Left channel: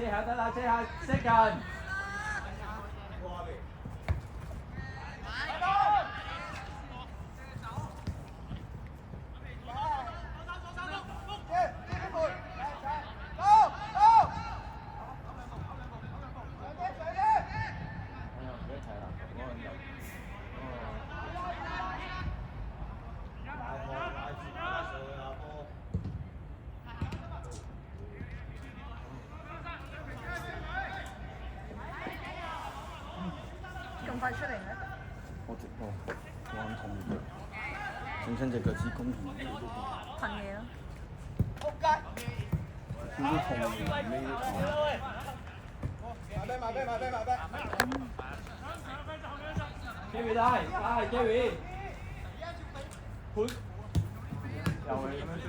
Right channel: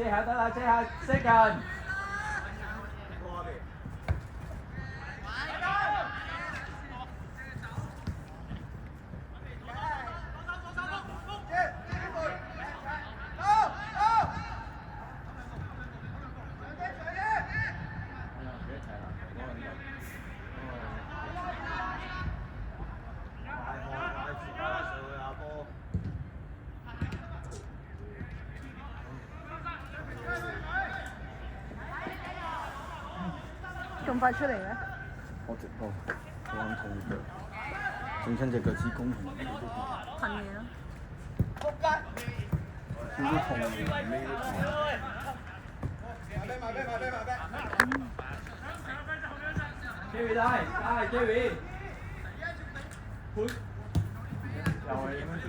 遮下得啦，遮下識近。咁快出嚟咩？我直播啱整親隻腳趾公。噴嘢咯。少少痛尾。Jerry 帶，Jerry。盤。又係咁樣出。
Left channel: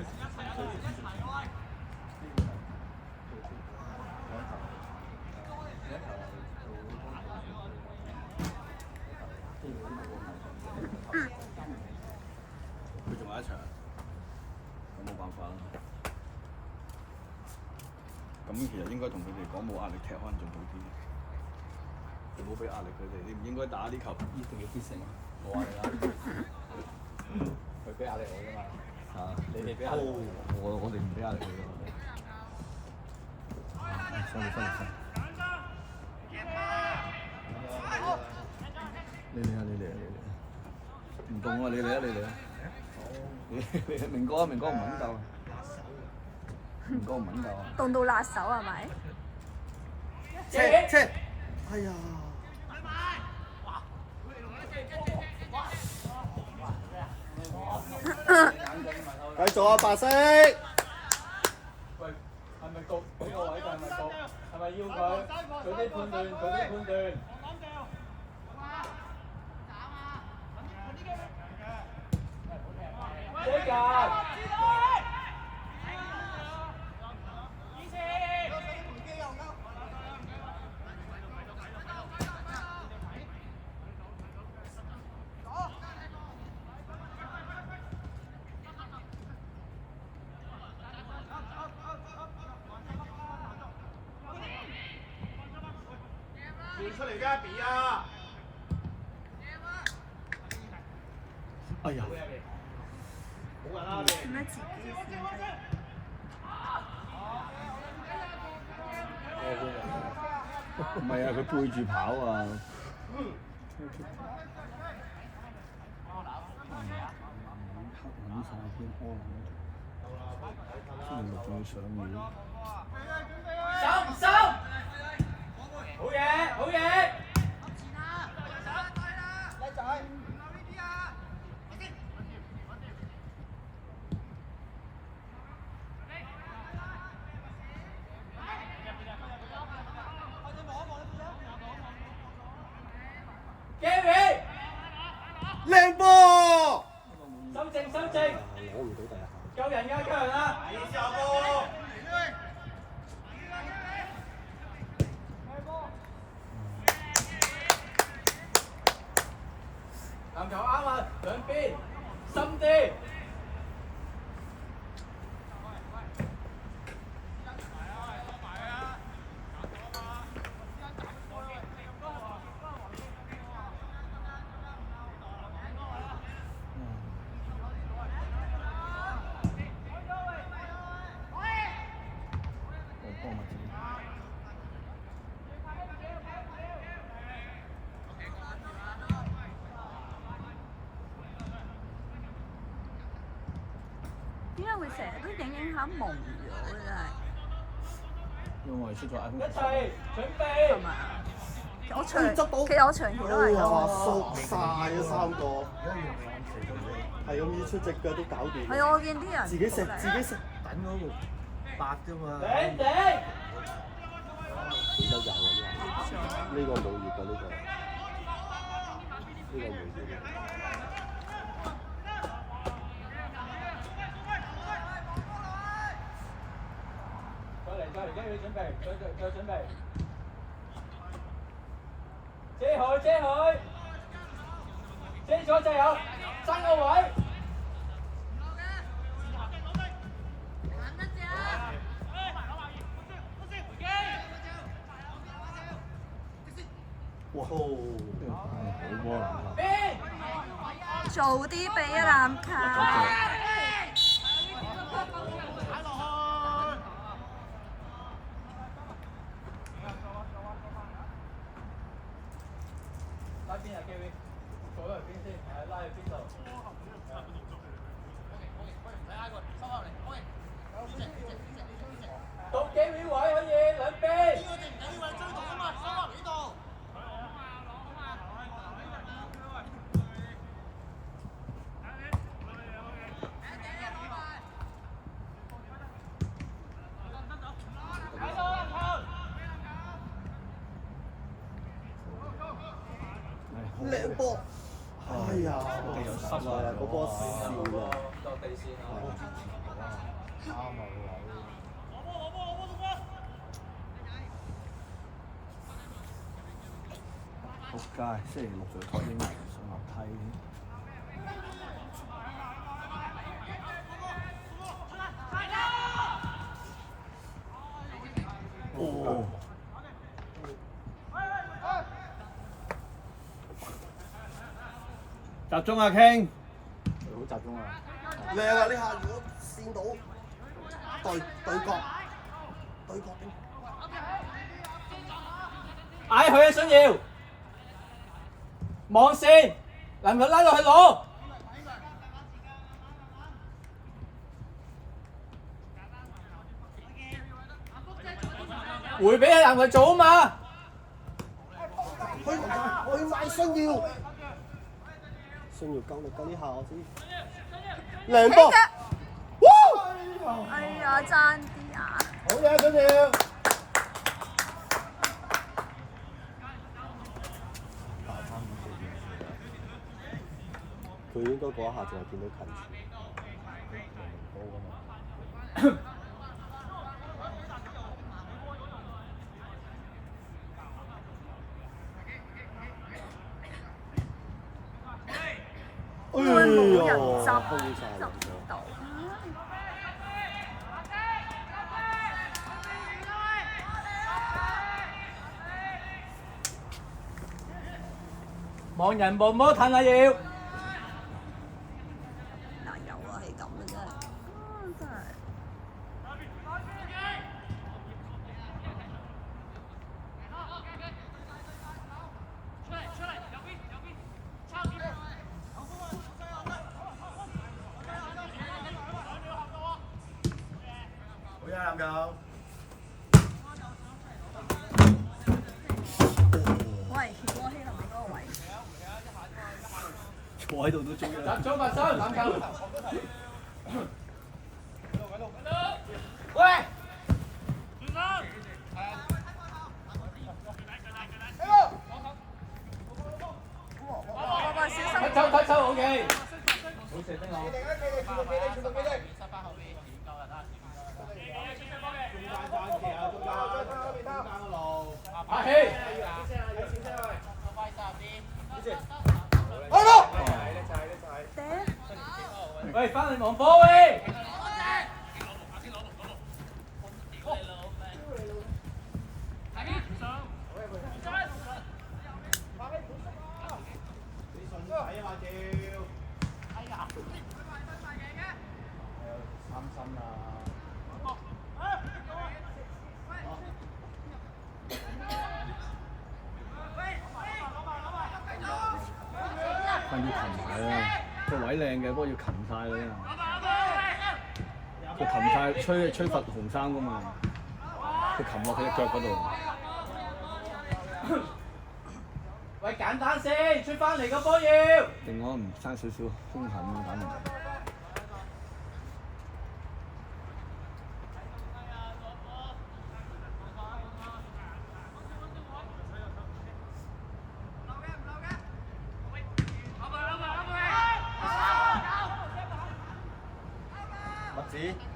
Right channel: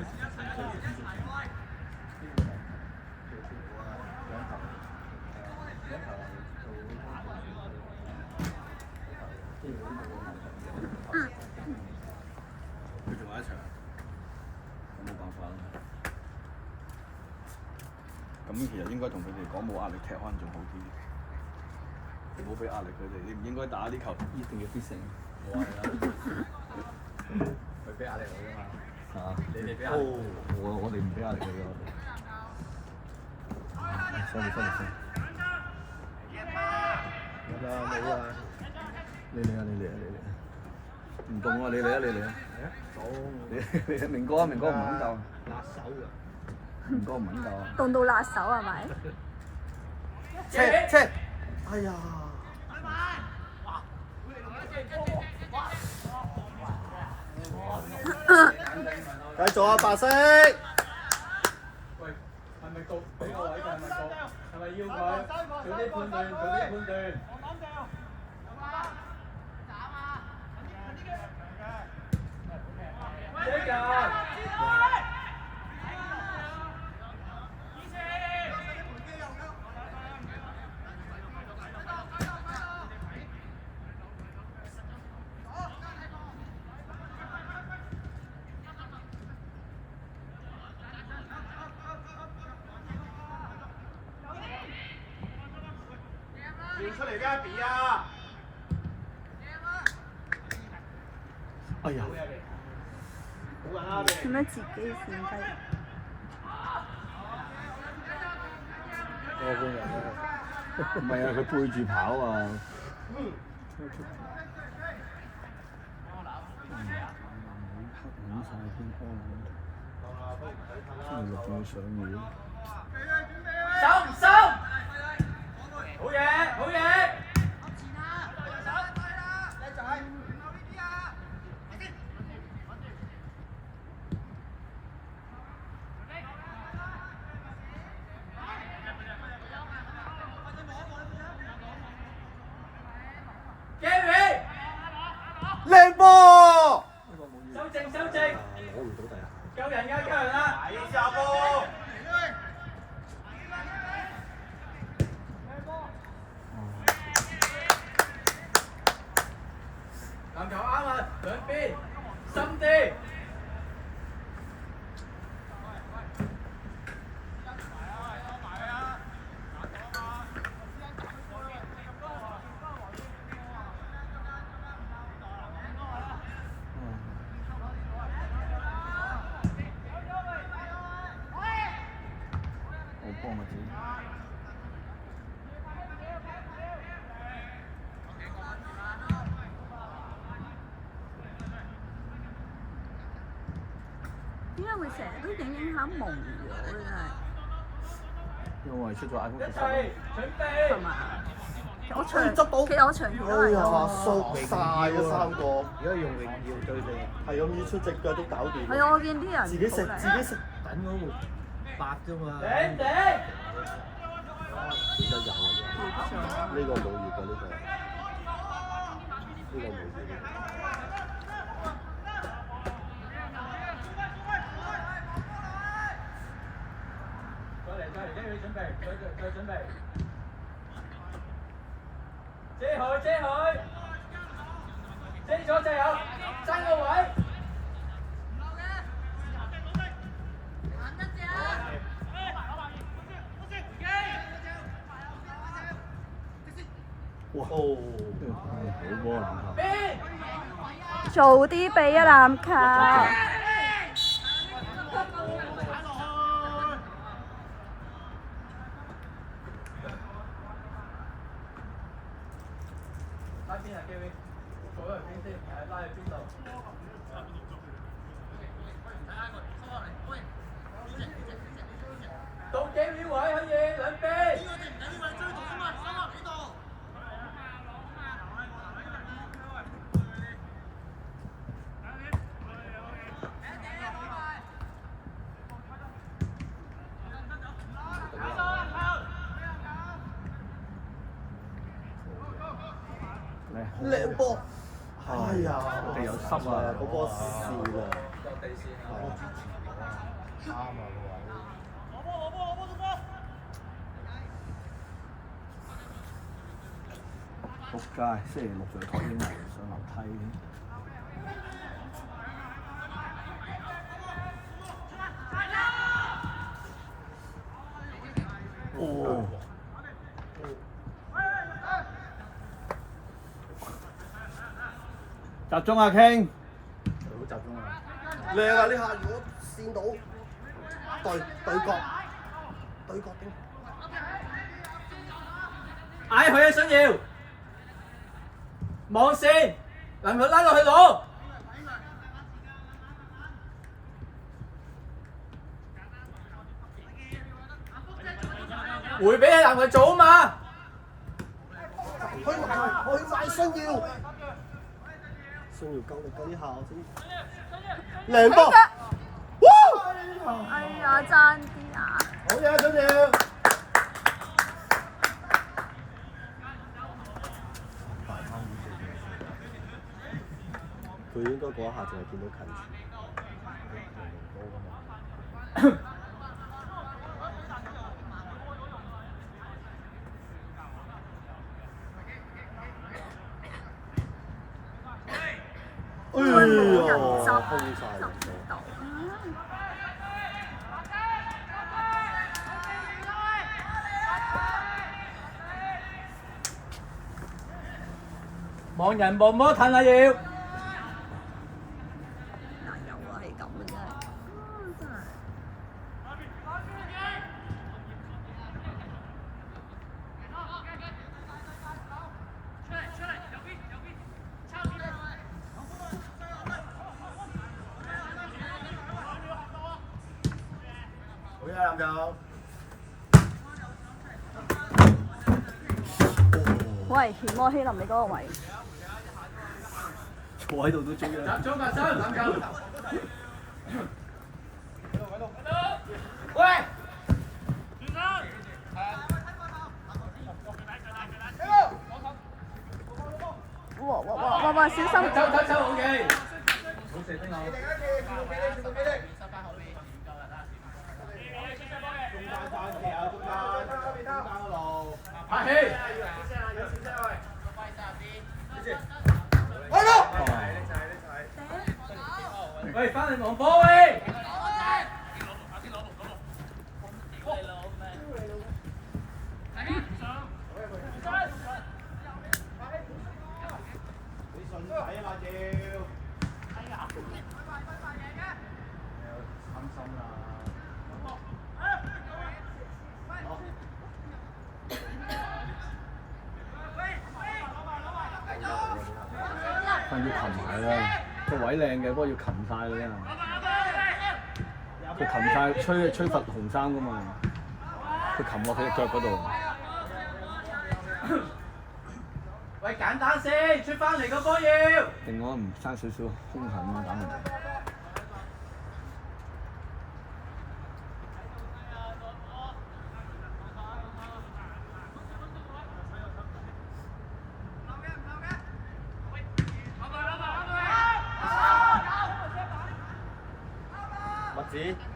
佢仲有一場，咁冇辦法啦。咁其實應該同佢哋講冇壓力踢可能仲好啲，唔好俾壓力佢哋。你唔應該打啲球，一定要必勝。冇壓力啦，佢俾壓力我㗎嘛。你哋俾壓力我哋唔俾壓力佢嘅。收。你嚟啊！唔動啊！你嚟啊！你明哥唔肯教。辣手㗎。明哥唔肯教。凍到辣手係咪？車！哎呀！繼續啊，白色！喂，係咪焗？俾個位佢係咪焗？係咪要佢做啲判斷？遮㗎！出嚟嘅比啊！哎呀！冇人啦，做咩自己閃低？唔係啊，佢背住跑啊！黑撚晒添，柯撚，星期六仲要上院。收！好嘢！Gary， 靚波！收正，救人啦！籃球啱啊，兩邊深啲。點解會成日都影下蒙咗嘅真係？因為出咗 iPhone 一齊準備。係嘛？其實我長期都係咁。縮晒啊3個。而家用榮耀對你，係咁要出隻腳都搞掂。係啊，我見啲人自己食。等嗰度白啫嘛。頂！呢個老葉㗎呢個。再嚟，準備，再準備。遮佢，遮咗就有爭個位。哇！好波啊！早啲俾啊籃球。拉邊啊 Kevin，坐喺邊先，拉去邊度？到Kevin位可以兩邊。靚波！哎呀，地有濕啊！嗰波笑啊！落地線啊！啱啊！仆街！星期六仲要拖啲上樓梯哦！集中啊，King！好集中啊！靚啊！呢下如果線到對角，嗌佢啊，信耀！網線，能夠拉落去攞。回俾男佢做啊嘛！去快信耀！信耀夠呢下我先。靚波！哎呀，爭啲啊！好嘢，信耀！佢應該嗰一下淨係見到近處。會冇人執到。望人望摩褪啊要！嗱有啊，係咁嘅真係，真係。好嘢，籃球！喂，田摩希林你嗰個位。坐喺度都追啦！集中發生籃球。喂！哇！小心！走，OK。好射丁我。阿希。喂，翻嚟望波喂！但要擒埋啦，個位靚嘅，不過要擒晒佢啊！佢擒晒，吹罰紅衫噶嘛，佢擒落佢隻腳嗰度。喂，簡單先，出翻嚟個波要。定我唔差少少，中場咁打唔到。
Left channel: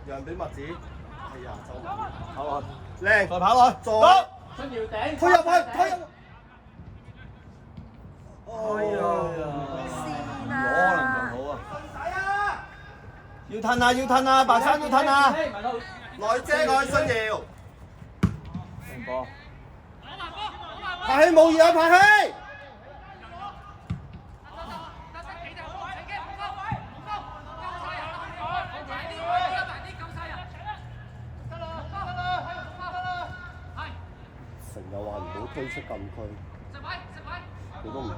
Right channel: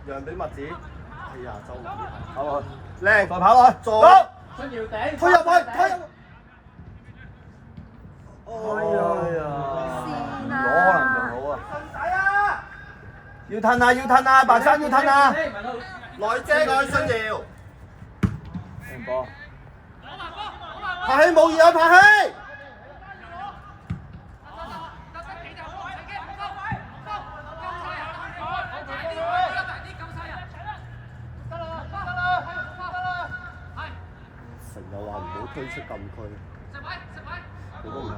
讓俾麥子，哎呀，就靚，再跑落去，做，出條頂，推入去，推入。哎呀，線啊！要褪啊，白衫要褪啊，內信耀，拍起冇意有拍戲。成日話唔好推出禁區，佢都唔記得。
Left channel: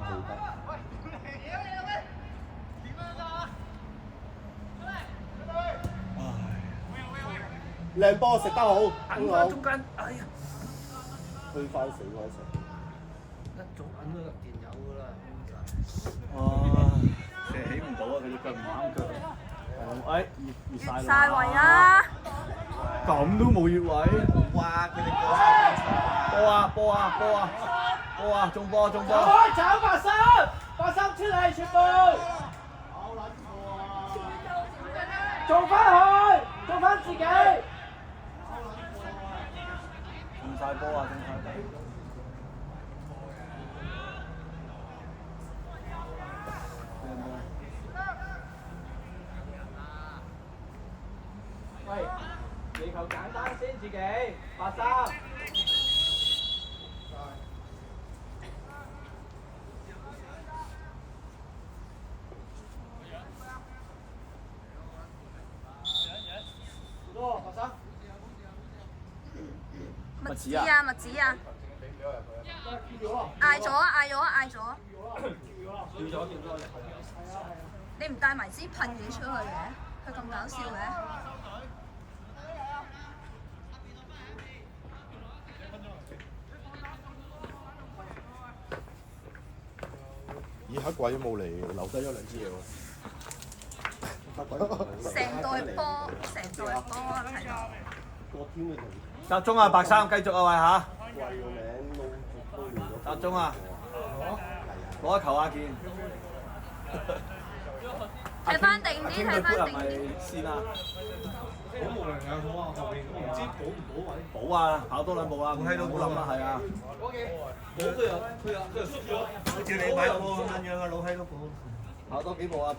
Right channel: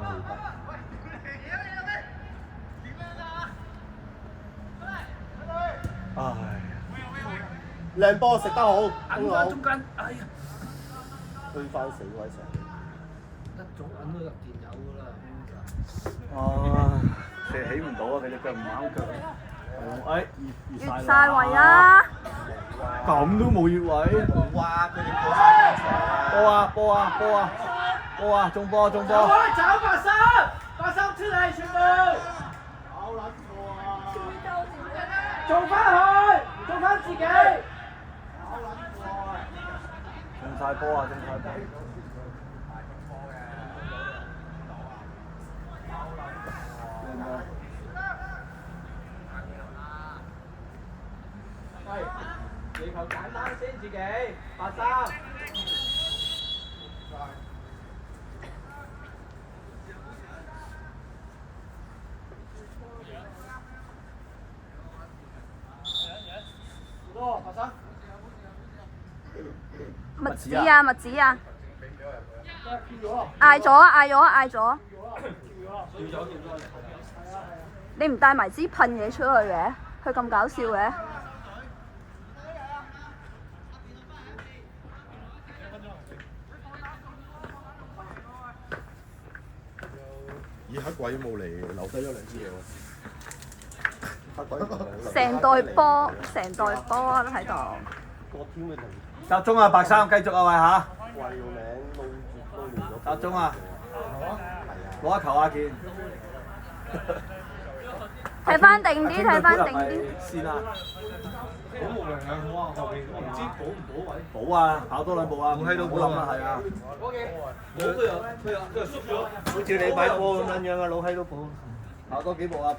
唉，靚波食得好，等翻中間，哎呀，推翻死嗰一齊。一早揾到入電有㗎啦。射起唔到啊！佢隻腳唔啱腳。係，越越晒位啦！咁都冇越位。哇！佢哋過晒場啦。波啊！中波！走83出嚟全部。做翻自己。中晒波啊！係，你球簡單先自己，83。麥子啊！嗌咗。你唔帶埋支噴嘢出去嘅？佢咁搞笑嘅？咦，黑鬼冇嚟，留低咗2支嘢喎。成袋波都喺度。集中啊，白衫繼續啊，喂嚇！集中啊！攞一球啊，健！睇翻定啲。先啦。好無良啊！好啊，後邊我唔知補唔補位。補啊，跑多2步啊！冇喺度補啊嘛，係啊。冇佢又縮咗。好似你買波咁樣啊，老閪都補。跑多幾步啊！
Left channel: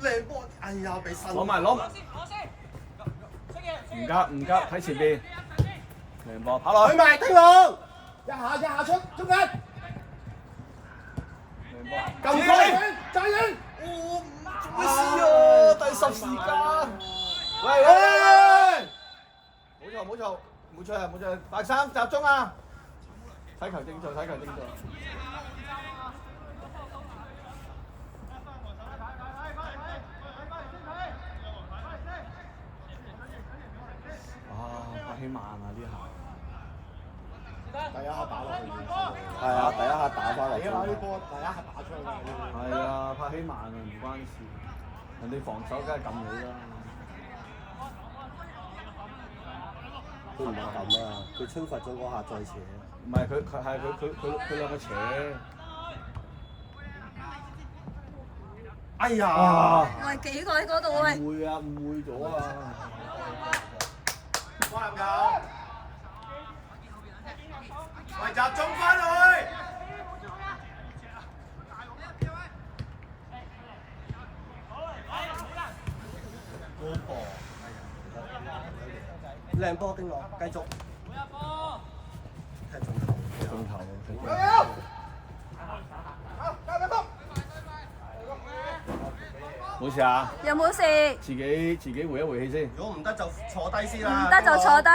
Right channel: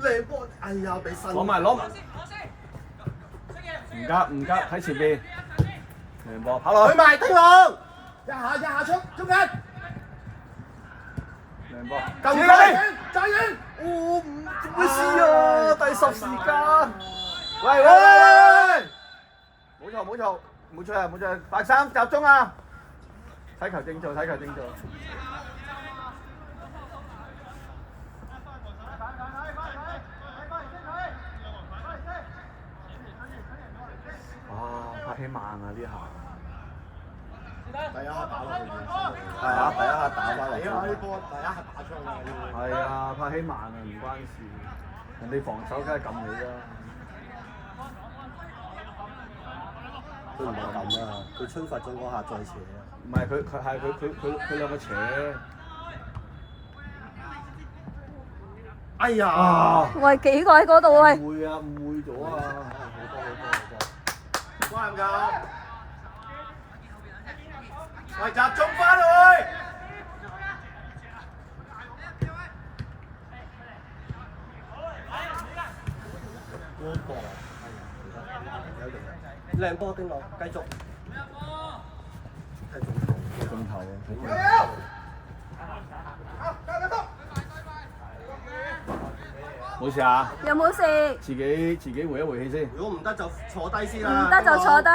靚波，哎呀，俾新。攞埋。唔急，睇前邊。亂波，跑落去。去埋丁龍，一下出中間。亂波。救佢！再遠。咩事啊？第10時間。冇錯，白衫集中啊！睇球正做。拍起慢啊呢下。第一下打落去。係啊，第一下打翻落去。呢波第一下打出去。係啊，拍起慢啊唔關事，人哋防守梗係撳你啦。佢唔係咁啊，佢吹罰咗嗰下再扯。唔係佢兩個扯。哎呀！喂，幾個喺嗰度喂？誤會咗啊！啱唔啱？喂，集中翻去。靚波丁龍，繼續。中頭啊！冇事啊？有冇事？自己回一回氣先。如果唔得就坐低先唔啦。得就坐低。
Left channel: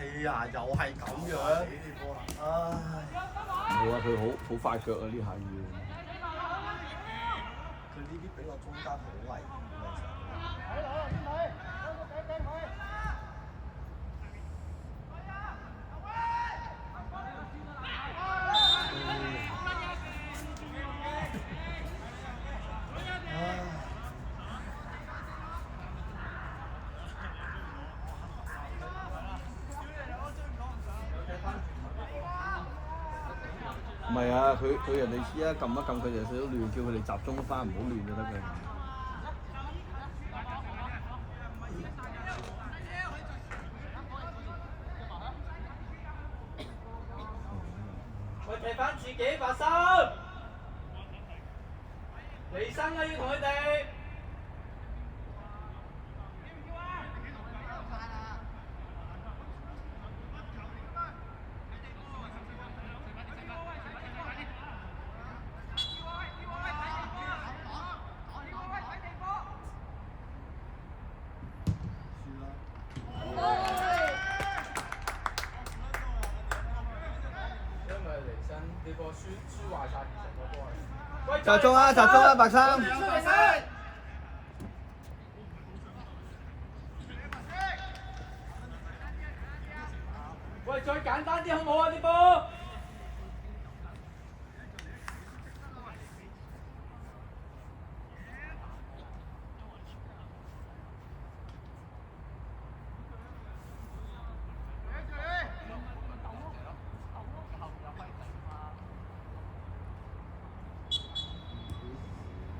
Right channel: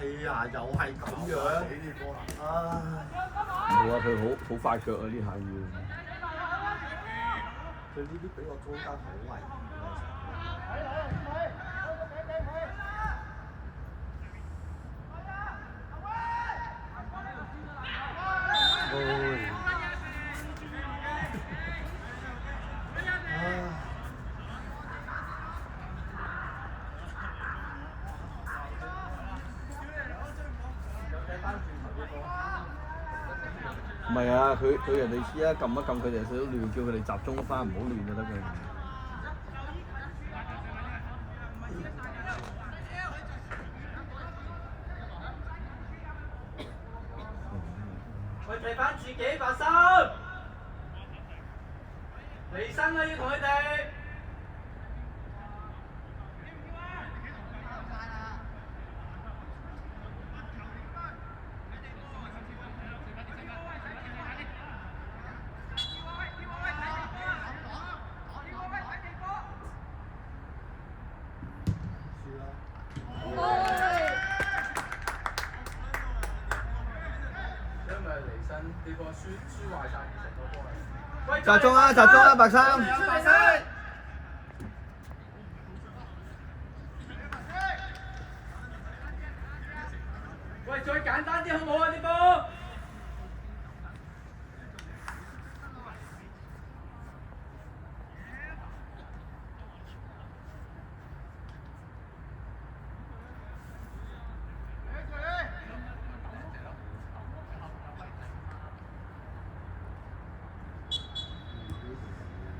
係呀，又係咁樣。唉。冇啊！佢好快腳啊！呢下要。佢呢啲俾我中間好危險。唔係啊！佢人哋依家撳一撳佢哋少少亂，叫佢哋集中翻，唔好亂就得嘅。喂，提翻自己發心，離身啦要同佢哋。集中啊！集中啊！白衫。喂，再簡單啲好唔好啊？啲波。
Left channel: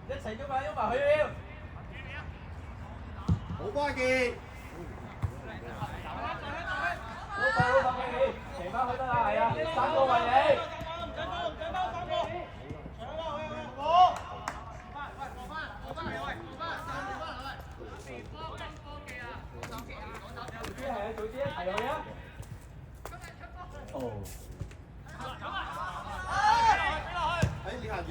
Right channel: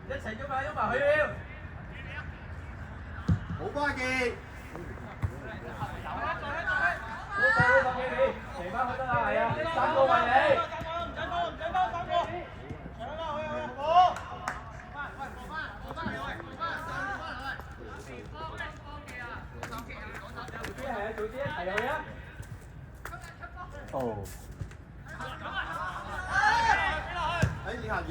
一齊喐埋佢要。好關鍵。好快你，騎翻去得啦，係啊，3個為你。係啊，早啲一齊去啊！哦。你行住。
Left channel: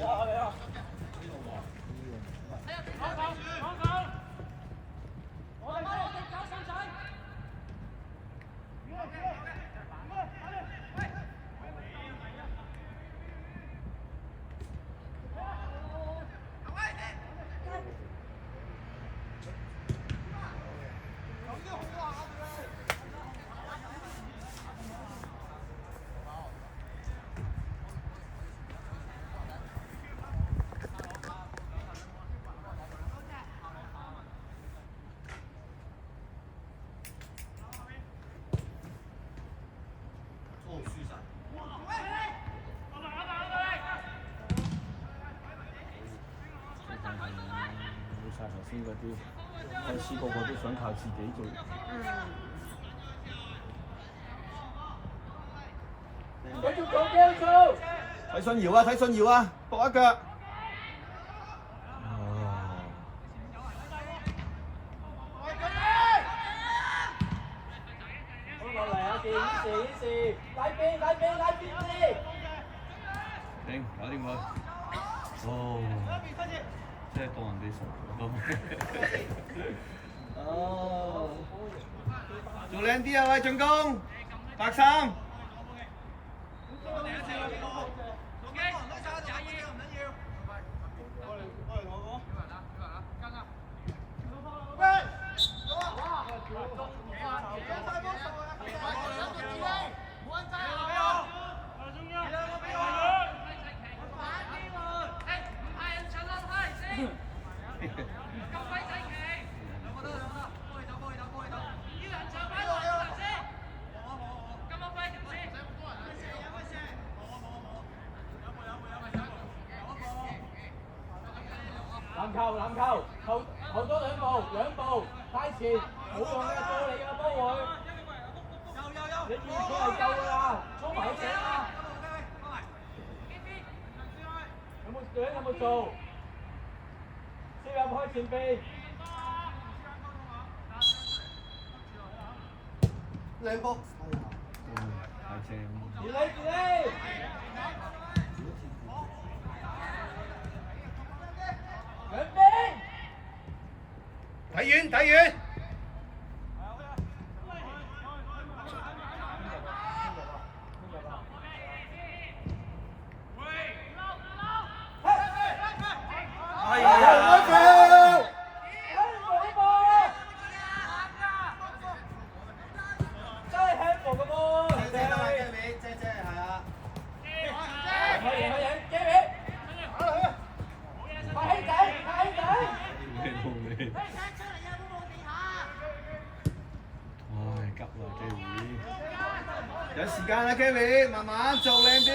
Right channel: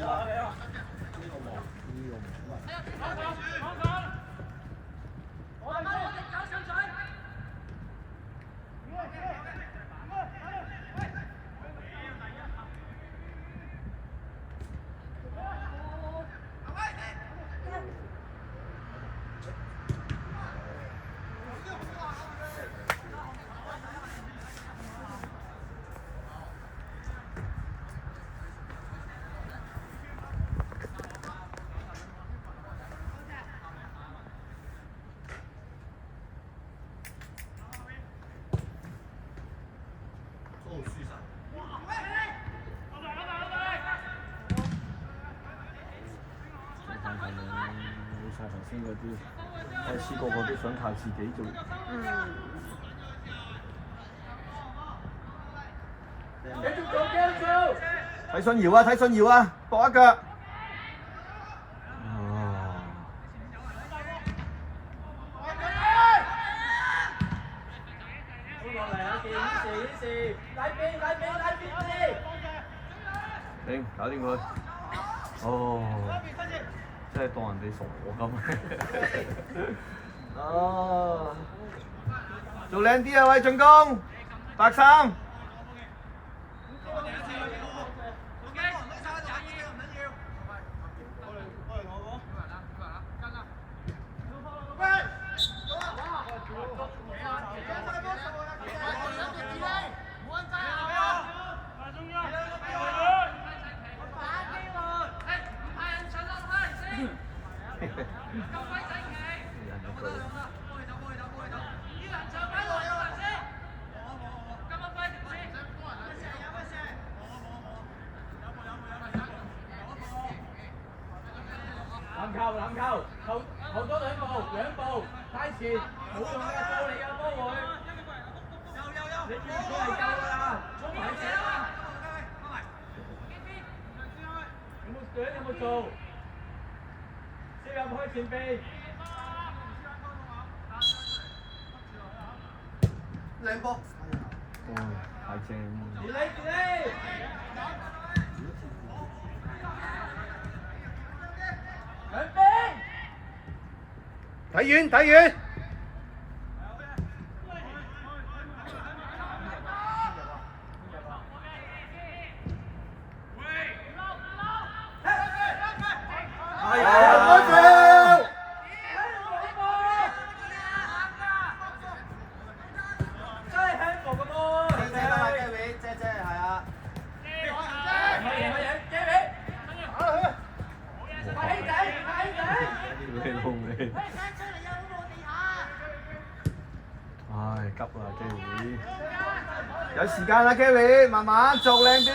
啲嗰啲，我試過我都想靠自己做。繼續做，繼續做。睇信堯啊！睇信堯啊！搏一腳。好落嚟啊！顯示，拉邊先。搞掂佢。哦。真係當人哋傻咁。哦。做靚啲啊！喂，進攻，白衫。籃球，後多兩步，太前，冇用嘅，到你嘅波會。你見佢係夠㗎啦，衝埋去啦。有冇做？先入開前邊。兩波。哇！太正！自理自理。兩邊。睇遠睇遠。哎呀！真係 handball 嘅波。姐係啊。快起仔，快起仔！你好味！唉，急啦，Gary！有時間啦，Gary，慢慢做靚啲。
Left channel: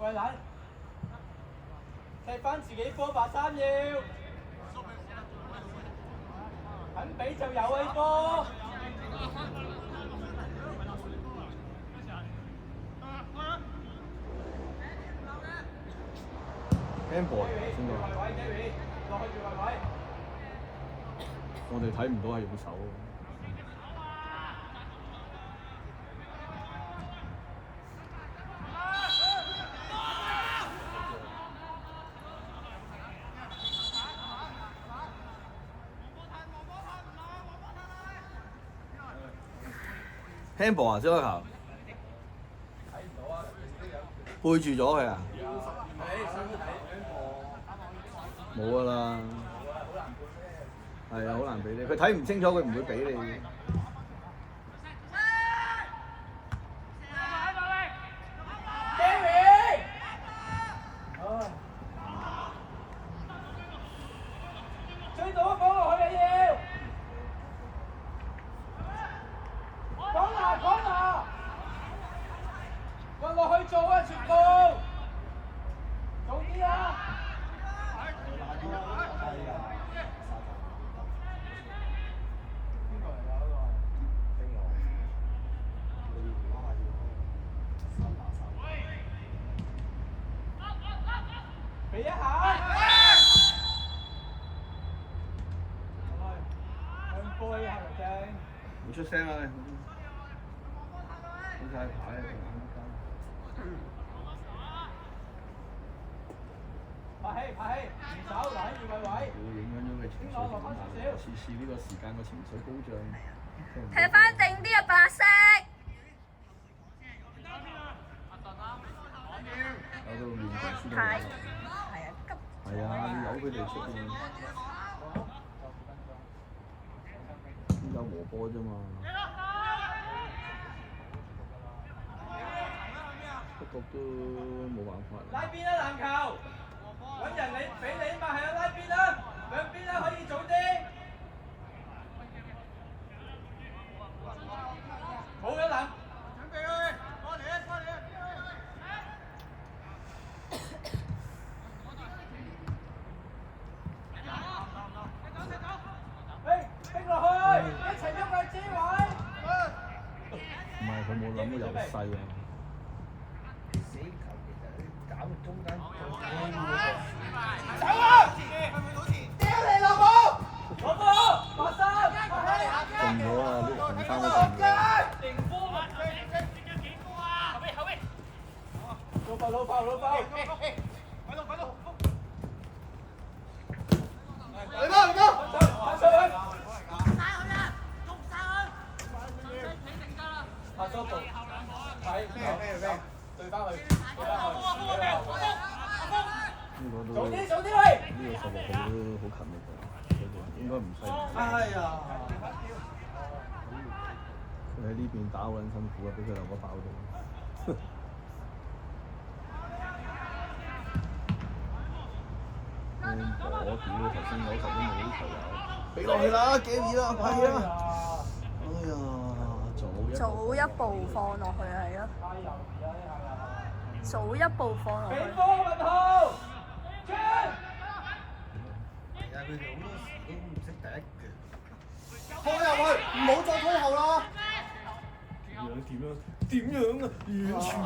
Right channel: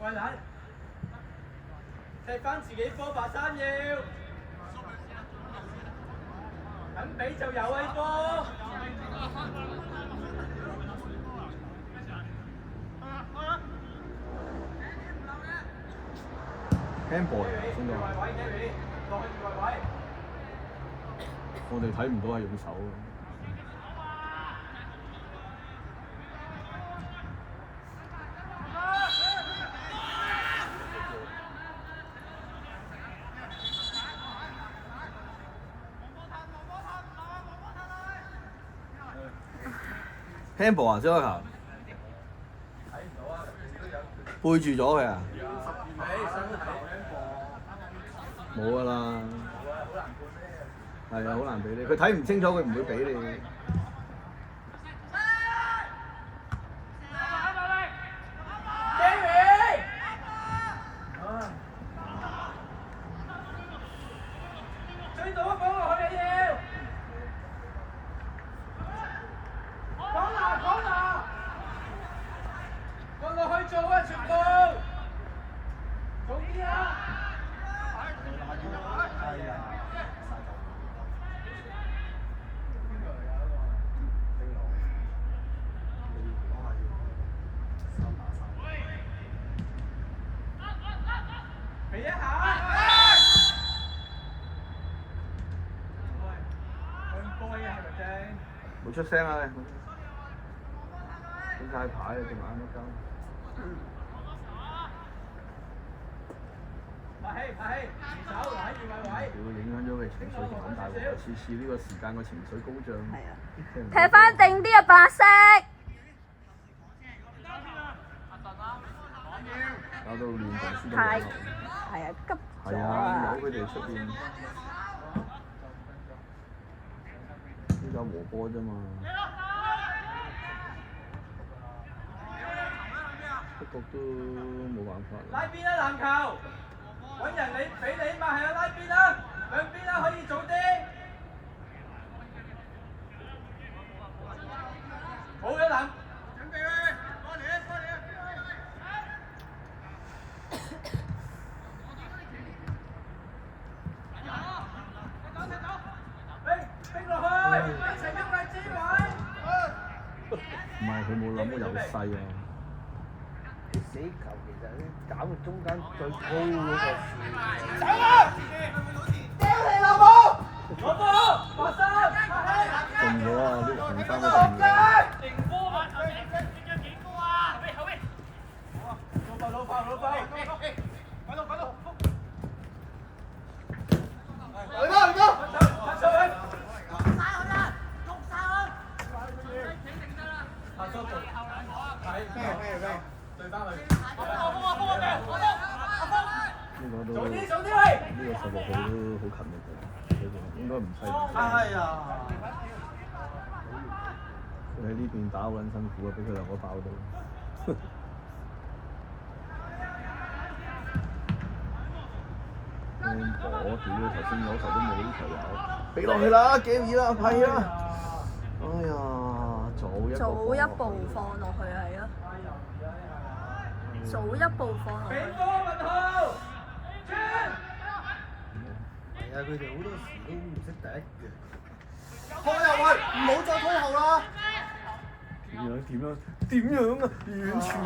喂，奶，踢翻自己波，白衫要，肯俾就有啊！呢波。handball 先有，我哋睇唔到係用手。handball 啊，張開球，背住咗佢啊！冇㗎啦，係啊，好難俾你，佢睇唔清楚，佢唔會俾你。追到啊！講落去啊要！講啦！運落去做啊！全部做啲啊！俾一下！向波啊！係咪正？冇出聲啊！點解牌啊？隻眼都鳩。拍氣，移手留喺越位位。會影響咗佢情緒狀態。次呢個時間個情緒高漲。係啊。踢翻定啲啊，白色。搞到面白太係啊，急咗啊！佢哋出現。呢個和波啫嘛。不過都冇辦法。拉邊啦籃球，揾人你俾你嘛係啊，拉邊啦，兩邊啦可以做啲。冇嘅籃。準備，過嚟！逼落去，一齊喐嚟支位。唔係佢冇諗由細啊。死球其實你搞到中間最高走啊！掉你老母！攞波，馬生，中咗啊！啲紅衫都中咗。老爆！嚟吧！阿叔做，睇咩？對翻去。早啲喂！呢個細路仔都好勤力㗎，應該唔細。哎呀！佢喺呢邊打好撚辛苦啊，俾佢兩個爆到。我屌！頭先嗰球都冇呢球，俾落去啦，幾易啦，係啊！哎呀，早一步放落去係咯，早一步放落去。俾波文浩，其實佢哋好多時都唔識第一腳。拖入去，唔好再推後啦。點樣點樣啊？完全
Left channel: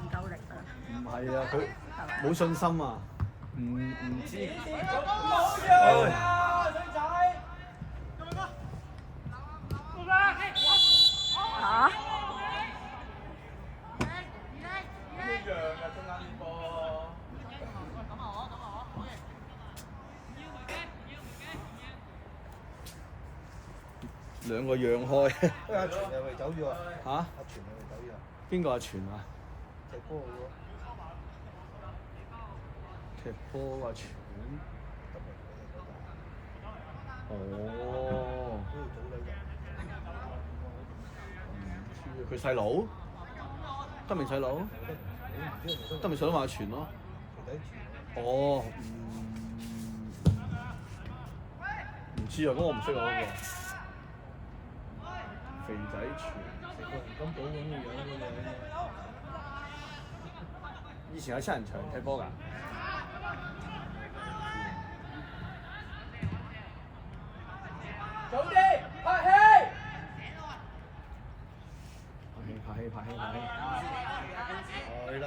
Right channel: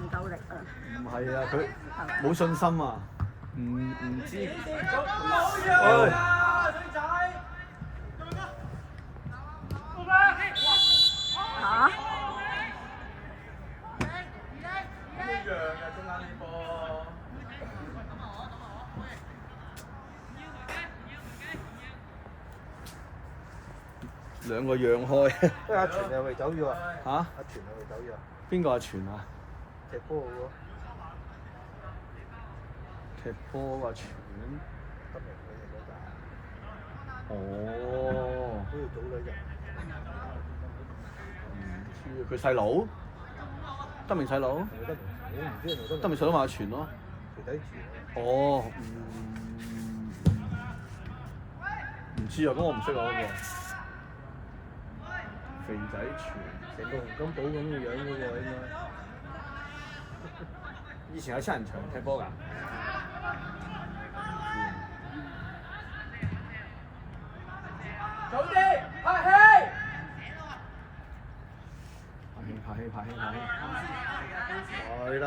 唔夠力啊！唔係啊，佢係咪？冇信心啊，唔知。嚇？兩個讓開。阿全又咪走咗啊？嚇？阿全又咪走咗？邊個阿全啊？踢波嗰個。踢波阿全。哦。佢細佬？德明細佬？德明細佬咪阿全咯。哦，唔知啊，咁我唔識啊嗰個。肥仔全，成個人工島咁嘅樣嘅喎。以前喺七人場踢波㗎。早啲，拍戲！拍戲。係啦，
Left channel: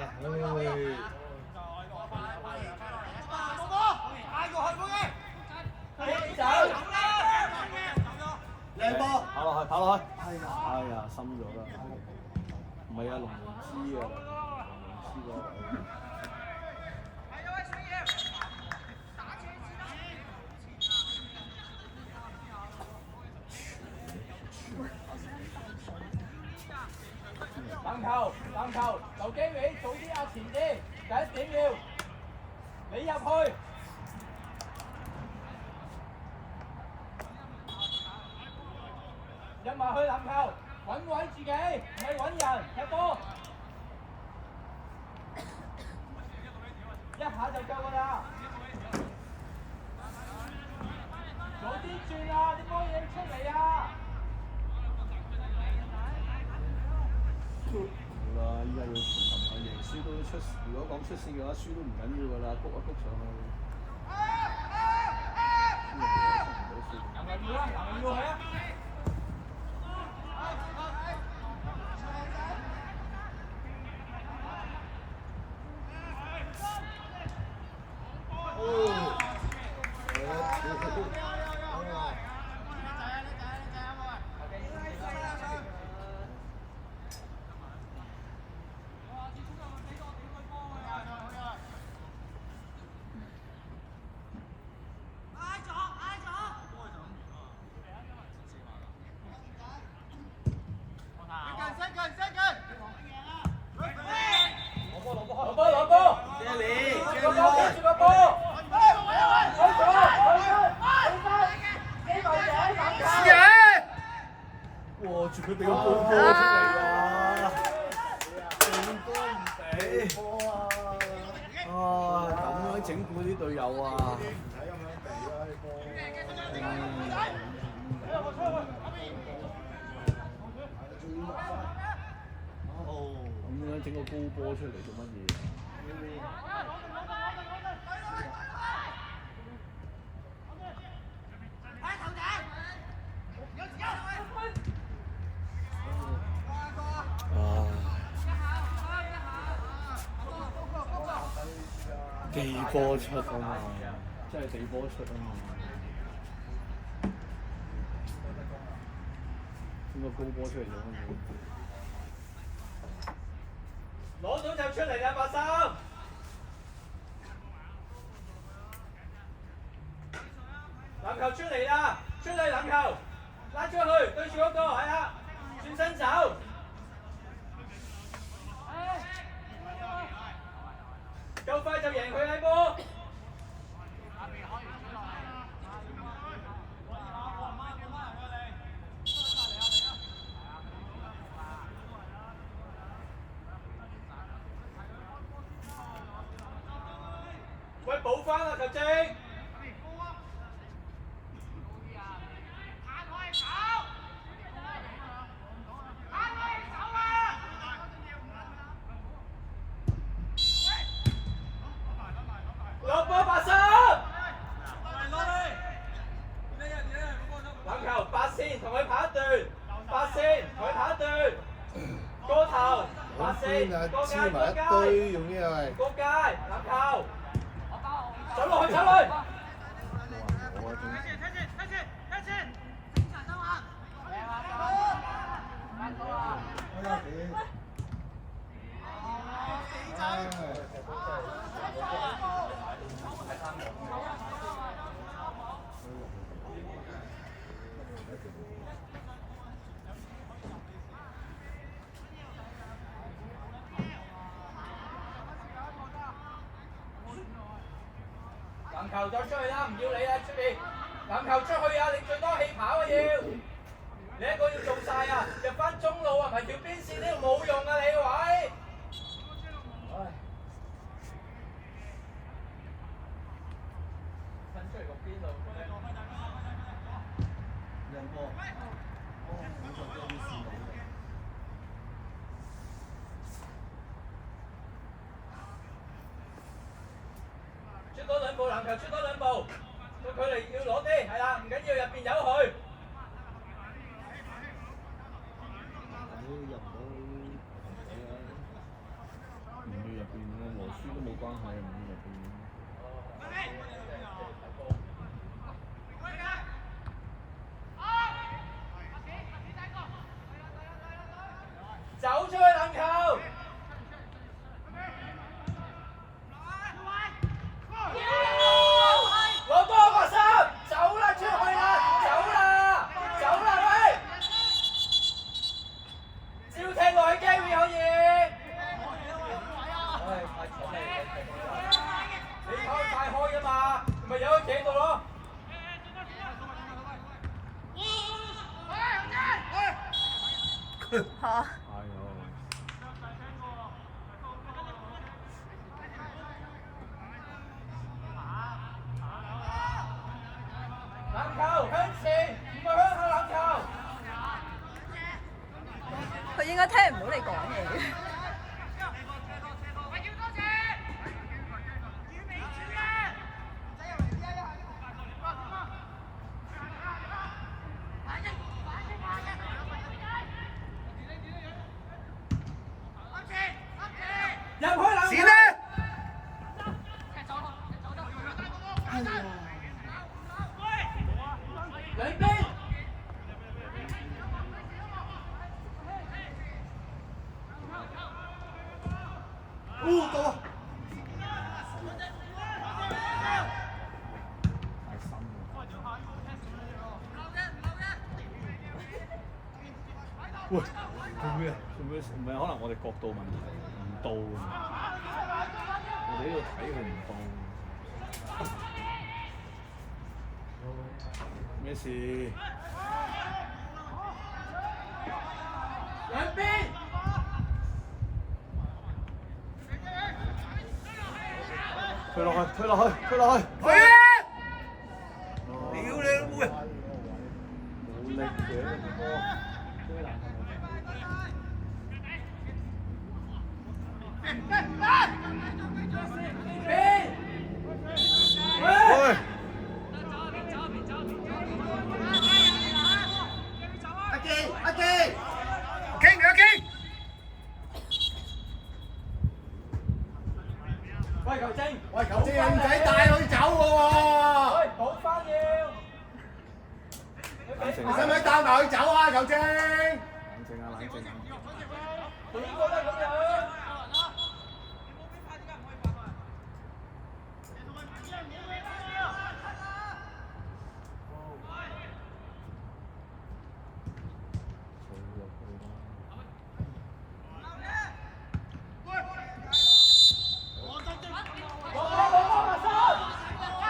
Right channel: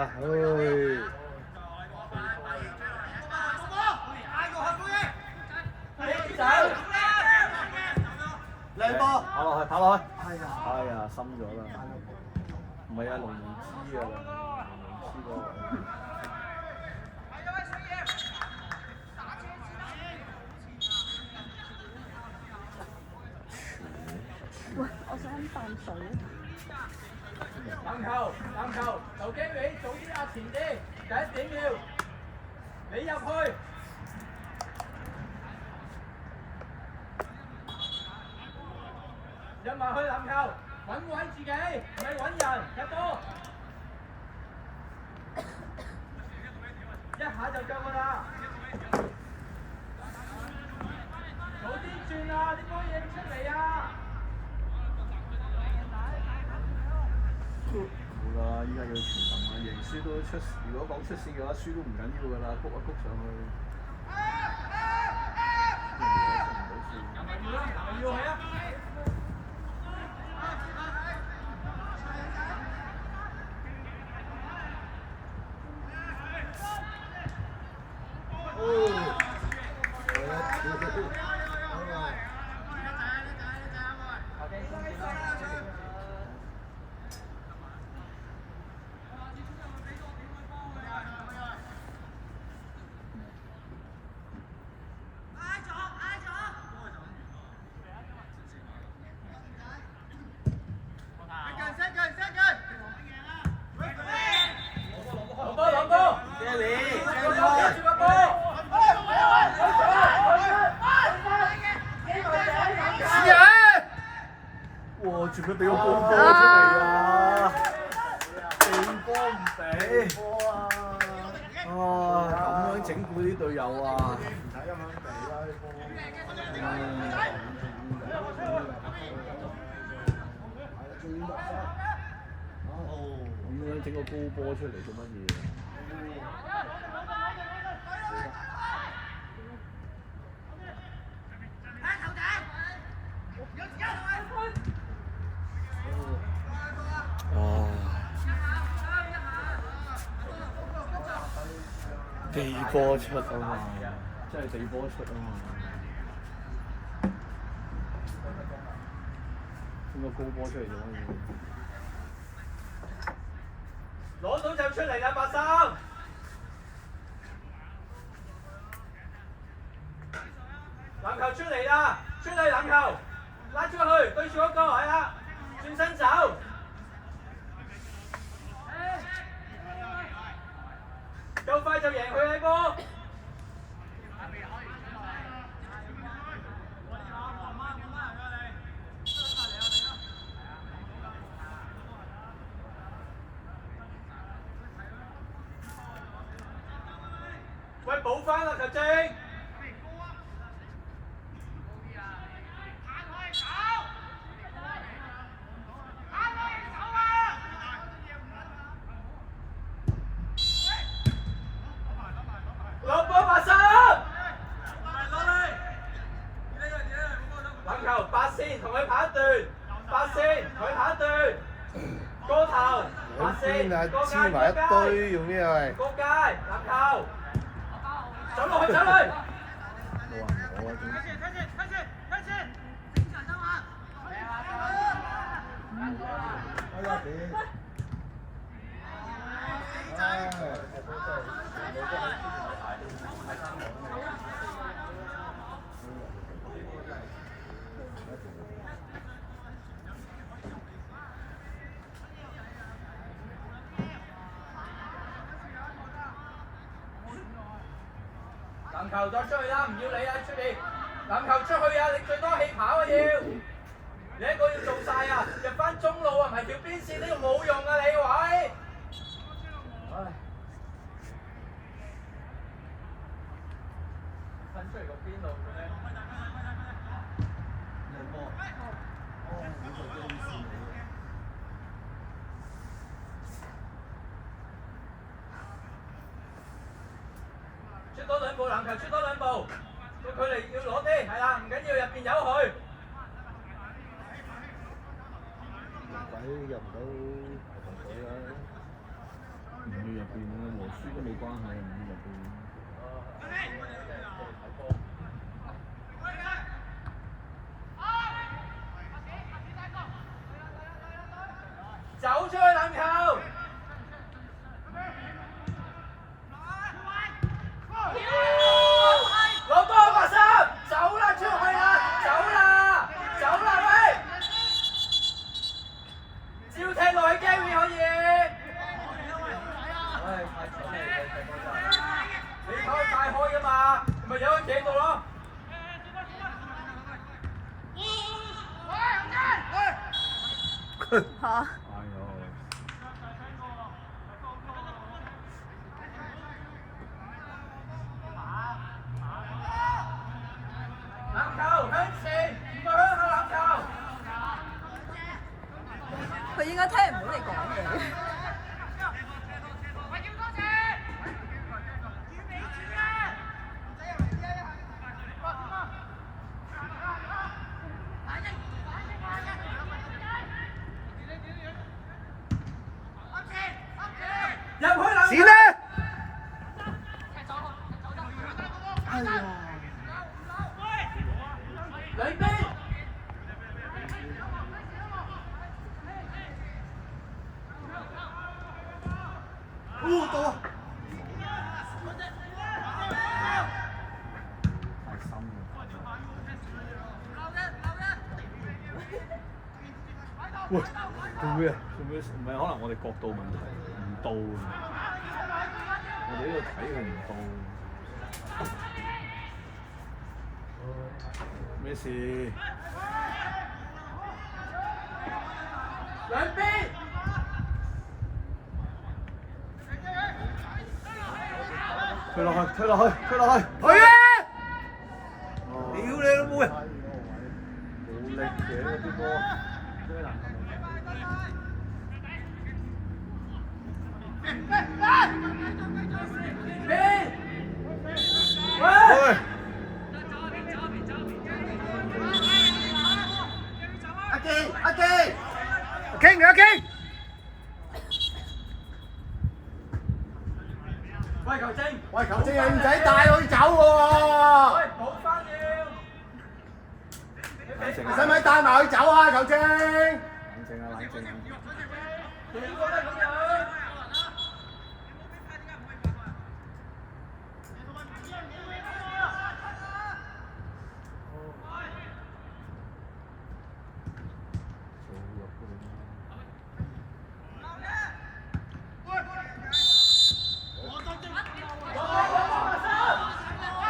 靚波，跑落去。哎呀，深咗啦。唔係啊，龍門知啊。喂，我想飲啖水。籃球，劉經理早啲壓前啲，第一點要你入去。入埋去籃球，揾位自己，唔係揾人，踢波。一下就夠㗎啦。早啲轉啊！啲波影出嚟啊！好啦，依家要傳，贏輸都出事。如果講出事嘅話，輸都唔緊要㗎啦，卜一卜上去。要係啊！哇！住佢俾個高波出嚟啊！正波唔俾。咁樣整蠱啲隊友啊！咁樣整個高波出嚟做乜嘢啊？地波出啊嘛，真係地波出啊嘛，整個高波出嚟咗。攞到就出嚟啦，白衫！籃球出嚟啦，出嚟籃球，拉出去，對住嗰個係啦，轉身走。夠快就贏佢呢波！喂，補翻啦，球證！落波白衫！籃球白線同佢跑一段。八線，佢下一段，過頭，八線，過界，過界，用咩係？過界，籃球，走落去，走落去。籃球再出去啦，唔要你啦，出邊！籃球出去啊，你最多氣跑啊要！你一個要做晒啊，入翻中路啊，唔係條邊線呢度冇用啊，你位！唉，分出嚟個邊度？出多兩步籃球，出多兩步，個距離要攞啲，係啦，唔緊要，入邊有佢。唔要入邊啊，和輸都冇關係，唔要入邊。走出去籃球！攞多個拍手，走啦出去啦，走啦，走啦喂！照踢落去 Gary 可以。你跑太開㗎嘛，咪由佢企度咯。嚇！籃球向前，唔係向後籃球。佢應該聽唔到你講嘢。入去籃球。閃啦！兩邊。到啊！喂，做咩啊？做咩？唔係可能我哋角度問題，唔到啊！我哋呢度睇佢唔到。咩事？兩邊。推落去，推落去，推落去！去啊！屌你老母啊！好叻嘅呢啲波。喂！阿傾阿傾！喂球證，喂球證唔使帶佢走喎！喂補翻要。冷靜你使唔使帶埋佢走啊球證？冷靜啊，冷靜啊！邊個都係咁樣。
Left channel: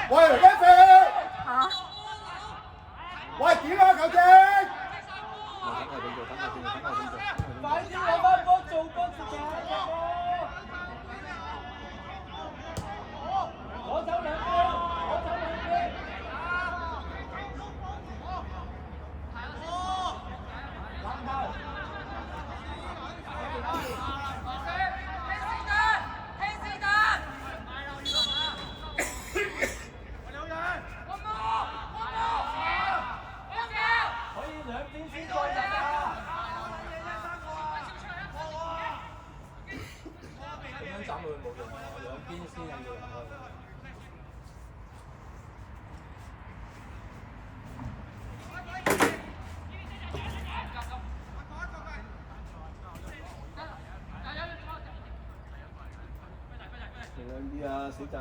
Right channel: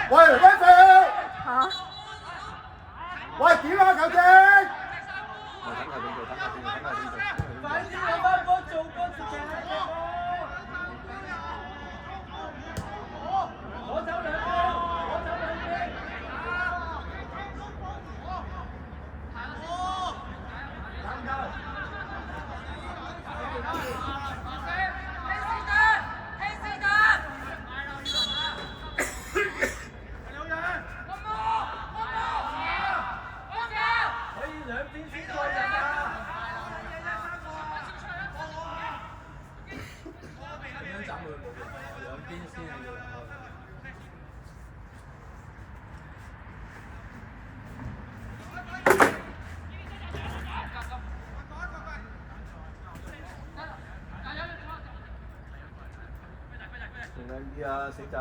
喂，一射！嚇！喂，點啊球證？快啲攞翻波做波自己攞走兩個，攞走兩邊。可以兩邊先再入啊！斬佢冇用，兩邊先係要開。小心啲啊，死仔！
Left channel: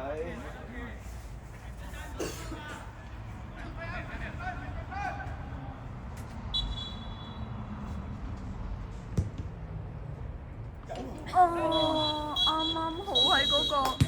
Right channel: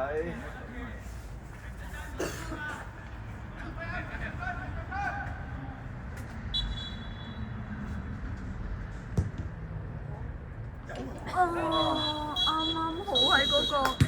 哦，啱啱好喺嗰個。